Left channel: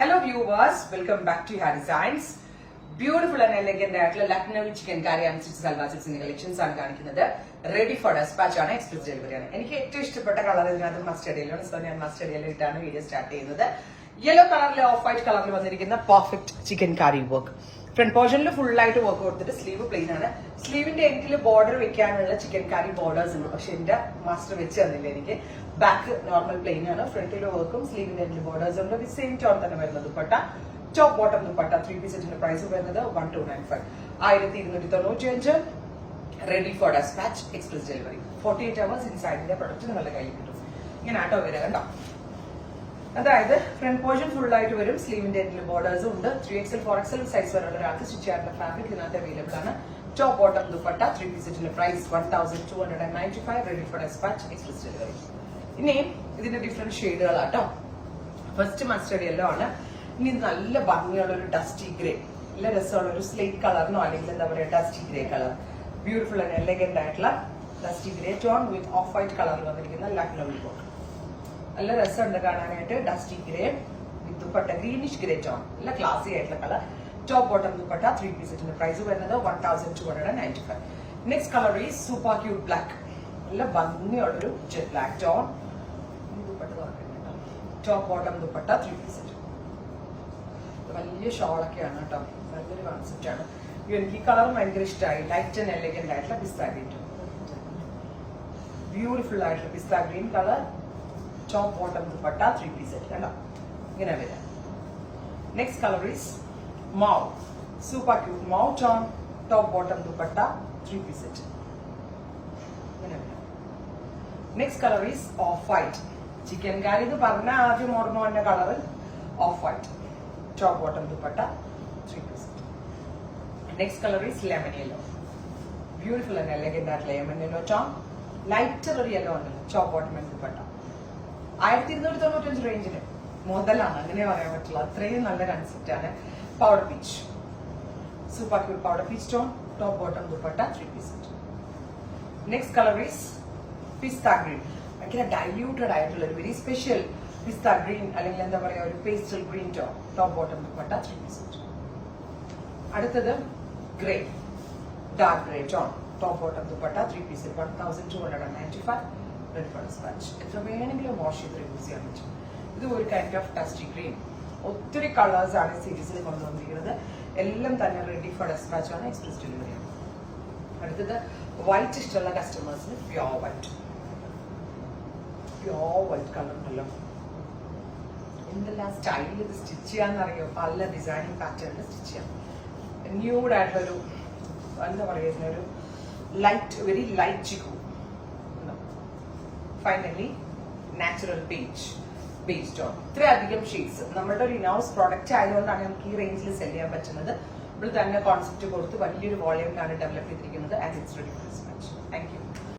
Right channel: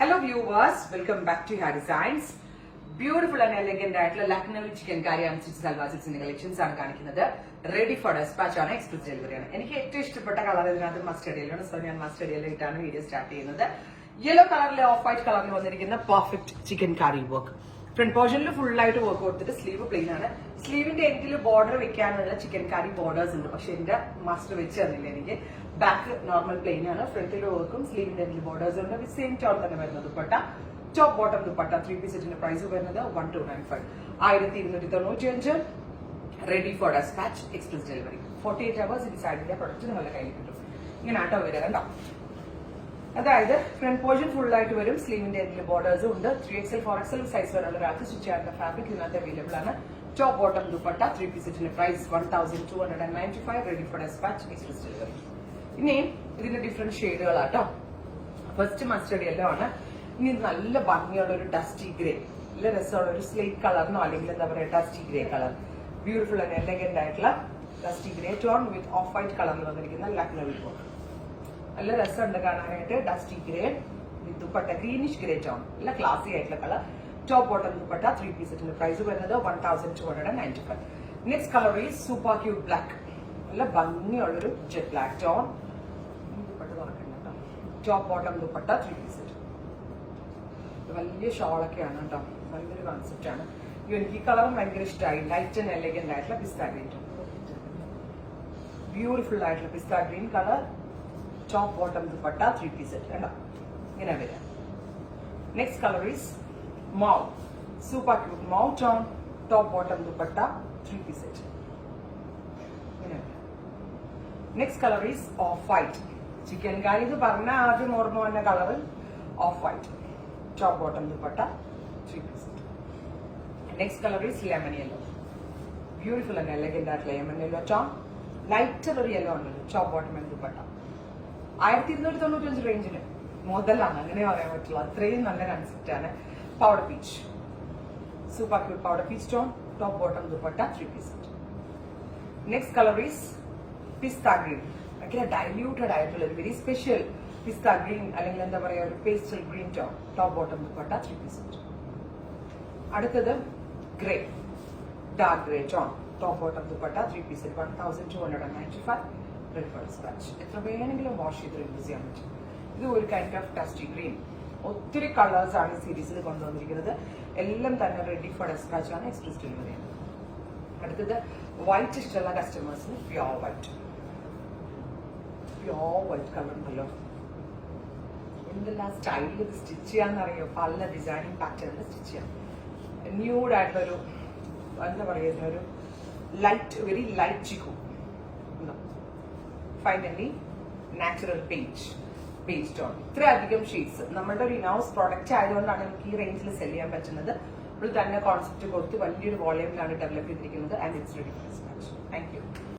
Hello viewers, welcome back to Hair Designs. Beautiful and elegant ആയിട്ടുള്ള Lucknow chikankari and six salwar സിക്സിന്റെ collections ആണ് കാണിക്കുന്നത്. Ready for dispatch ആണ്, express delivery ആണ്. എനിക്ക് ഏറ്റവും ഇഷ്ടപ്പെട്ട കളർ ഇതിനകത്ത് മസ്റ്റർഡ് യെല്ലോ ആണ്. സോ ഞാൻ മസ്റ്റർഡ് യെല്ലോ ഇട്ടാണ് വീഡിയോ സ്റ്റാർട്ട് ചെയ്യുന്നത്. യെല്ലോ കളറിൽ ഓഫ് വൈറ്റ് കളറിൽ വന്നിരിക്കുന്ന perfect chikankari work. Front പോർഷനിൽ ഫുൾ ആയിട്ട് വർക്ക് കൊടുത്തിട്ട് സ്ലീവ് പ്ലെയിൻ ആണ്. സ്ലീവിന്റെ എൻഡിൽ ബോർഡർ വെക്കാനുള്ള ചിക്കൻ കറി ബോർഡേഴ്സ് ഉണ്ട്, പക്ഷെ എന്റെ മാസ്റ്റർ വെച്ച് തന്നില്ല എനിക്ക്. ബാക്ക് നോർമൽ പ്ലെയിൻ ആണ്, ഫ്രണ്ടിൽ വർക്കും സ്ലീവിന്റെ എൻഡിൽ ബോർഡേഴ്സ് ഉണ്ട്. സെയിം ടോൺ തന്നെ വരുന്നത് dupatta. Top bottom dupatta 3 piece സെറ്റിന്റെ പ്രൈസ് വരുന്നത് 1295, 1295. Ready for dispatch, express delivery. 48 hours ഇൻസൈഡിന്റെ പ്രൊഡക്റ്റ് നിങ്ങളുടെ കയ്യിൽ കിട്ടും. ഇങ്ങനെ ആട്ടോ വരിക കണ്ടോ. അതായത് ഫ്രണ്ട് പോർഷൻ ഫുൾ ആയിട്ട് വരും, സ്ലീവിന്റെ എൻഡിൽ ബോർഡേഴ്സും ഉണ്ട്. 3XL 4XL സൈസ് വരെയുള്ള ഒരാൾക്ക് സ്റ്റിച്ച് ചെയ്യാനുള്ള ഫാബ്രിക് ഇതിനകത്ത് അവൈലബിൾ ആണ്. ടോപ്പ് ബോട്ടം ദുപ്പട്ട 3 പീസ് സെറ്റിന്റെ price 1295. Ready for dispatch, express delivery. ഇനി ഇതിന്റെ ഡിഫറെന്റ് ഷെയ്ഡുകളാട്ടോ. ഫസ്റ്റ് മസ്റ്റർഡ് യെല്ലോ ആണ്. ഇനി നല്ല ഭംഗിയുള്ള ഒരു ഡസ്റ്റി ഗ്രേ, നല്ല രസമുള്ള ഒരു സ്ലേറ്റ് കളറിനോ അല്ലെങ്കിൽ എന്താ പറയുക dusty grey colour. Beautiful and elegant ആയിട്ടുള്ള dusty grey tone with off white കളറിൽ വന്നിരിക്കുന്ന ലക്നൗ വർക്ക്. നല്ല രസമുണ്ട് കാണാനായിട്ട്. Dusty grey with dupatta greenish grey tone, നല്ല ക്ലാസി ആയിട്ടുള്ള colour. Top bottom dupatta 3 piece സെറ്റിന്റെ പ്രൈസ് വരുന്നത് 1295. Next colour is super cute black, നല്ല ഭംഗിയുള്ളൊരു jet black tone. Top bottom dupatta 3 piece set. വലിയ ഷോളൊക്കെയാണ് കേട്ടോ, വലിയൊരു കോൺസെപ്റ്റ് ആണ്. എനിക്ക് ഈ കളറും ഭയങ്കര ഇഷ്ടമായി. ലൈറ്റ് ആൻഡ് എലഗന്റ് ആയിട്ടുള്ള പിസ്ത ഗ്രീൻ, ബ്യൂട്ടിഫുൾ ആയിട്ടുള്ള pista green colour. Top bottom dupatta 3 piece set കണ്ടോ, ഇങ്ങനെ വരാം. Next colour is mauve, super cute mauve tone. Top bottom dupatta 3 piece set. Next colour is off white. Chikankari ഇത് പറഞ്ഞ ആദ്യം ഓർമ്മ വന്ന colour off white. Top bottom dupatta 3 piece. Next colour is lemon yellow, beautiful and elegant ആയിട്ട് lemon yellow tone. Lighter ഒരു yellow ആണ്. Top bottom dupatta 1295 റേഞ്ചിന് മുതലാണ്, അങ്ങനെ പറയാൻ പറ്റില്ല, അത്രയും നല്ല കൺസെപ്റ്റ് ആണ്. Powder peach, super cute powder peach tone. Top bottom dupatta 3 piece. Next colour is pista green, ഭയങ്കര ഡൈല്യൂട്ടഡ് ആയിട്ടുള്ള ഒരു വെരി സ്പെഷ്യൽ പിസ്ത ഗ്രീൻ അല്ലെങ്കിൽ എന്താ പറയുക ഒരു pastel green tone. Top bottom dupatta 3 piece. അടുത്തത് grey, dark grey tone. Top bottom dupatta 3 piece 1295. Ready for despatch. എത്ര വേണമെങ്കിലും വാഷ് ചെയ്ത് യൂസ് ചെയ്യാൻ പറ്റും. ഇത് ഒരു കൈൻഡ് ഓഫ് ഡസ്റ്റി ഗ്രീൻ. ഒത്തിരി കളേഴ്സ് ആണ് സീരീസിൽ കൊണ്ടുവന്നിരിക്കുന്നത്. എല്ലാം തന്നെ റെഡി ഫോർ ഡെസ്പാച്ച് ആണ്, എക്സ്പ്രസ് ഡെലിവറി ആണ്. അടുത്തത് വൈറ്റ് ഇഷ്ടമുള്ള കസ്റ്റമേഴ്സിന് pure white, pure white colour ഉണ്ടല്ലോ. എന്തെല്ലാം സ്റ്റൈലിൽ ഇത് സ്റ്റിച്ച് ചെയ്യാന്നറിയോ, പല ഡിസൈനിങ് പാറ്റേണിൽ സ്റ്റിച്ച് ചെയ്യാം. ന്യൂഡ് ആയിട്ടൊരു എന്താ പറയുന്ന ഒരു light, very light chikoo. Finally natural base tone. ഇത്രയധികം ഷെയ്ഡ്സ്. നമ്മുടെ ഒരു ഇനൗസ് പ്രോഡക്റ്റ് ആയതുകൊണ്ടാണ് നമുക്ക് ഈ റേഞ്ചിൽ സെല് ചെയ്യാൻ പറ്റുന്നത്. നമ്മൾ തന്നെ കോൺസെപ്റ്റ് കൊടുത്ത് വലിയൊരു വോളിയമിലാണ് ഡെവലപ്പ് ചെയ്തിരിക്കുന്നത്. And it's ready for dispatch. Thank U.